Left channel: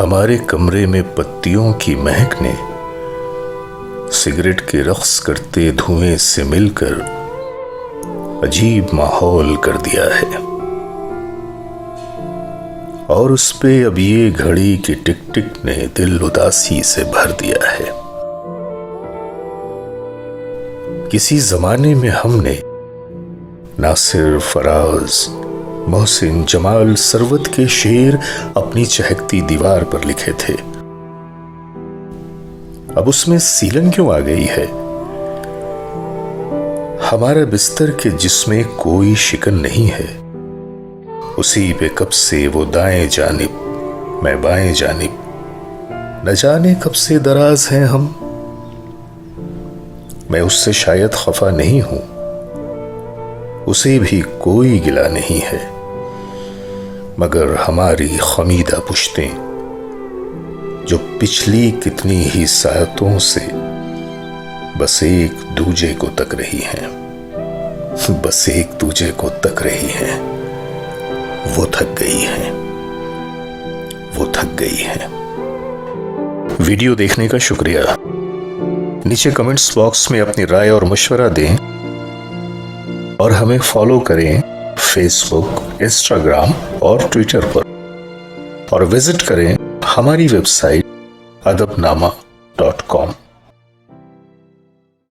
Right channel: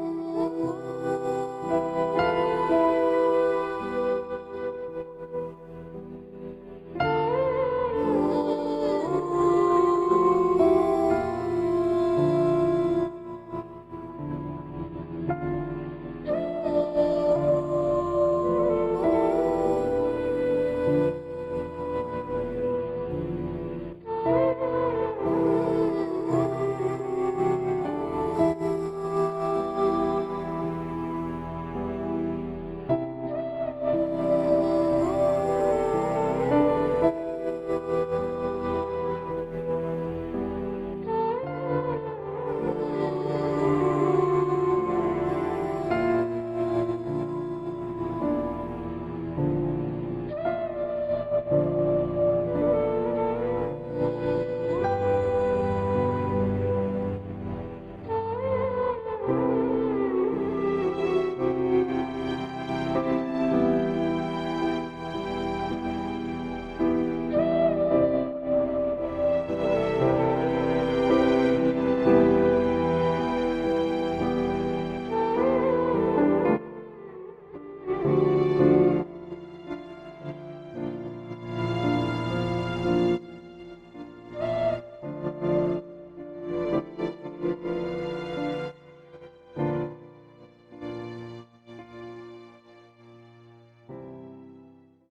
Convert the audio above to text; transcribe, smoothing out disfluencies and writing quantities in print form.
हमारे कमरे में पत्तियों की महक ने सिगरेट के रक्स करते धुएं से मिलकर अजीब माहौल कर दिया है। और उस पे अब ये घड़ी की टिक टिक ने दिल उदासी से भर दिया है। किसी जमाने में हमने नासिर, फराज, मोहसिन, जमाल, सरवत के शेर अपनी चहकती दीवार पर लिखे थे। अब उसमें सीलन क्यों आ गई है? हमारा बिस्तर के जिसमें कोई शिकन नहीं है, उसी पे कब से वो दाएं जानिब मैं बाएं जानिब, न जाने कब से दराज हैं हम। मैं उससे शायद खफा नहीं हूं, उसे भी कोई गिला नहीं है, मगर हमारी खमीदा पुश्तें जो पिछली कितनी ही सायतों से बस एक दूजे को तक रही हैं, बस एक दूजे को तक रही हैं, वो थक गई हैं, वो थक गई हैं। वीडियो देखने का शुक्रिया। नीचे कमेंट्स बॉक्स में अपनी राय और मशवरा दें और हमें फॉलो करें फेसबुक, इंस्टाग्राम और ट्विटर पर, और विजिट करें हमारी वेबसाइट adabnama.com।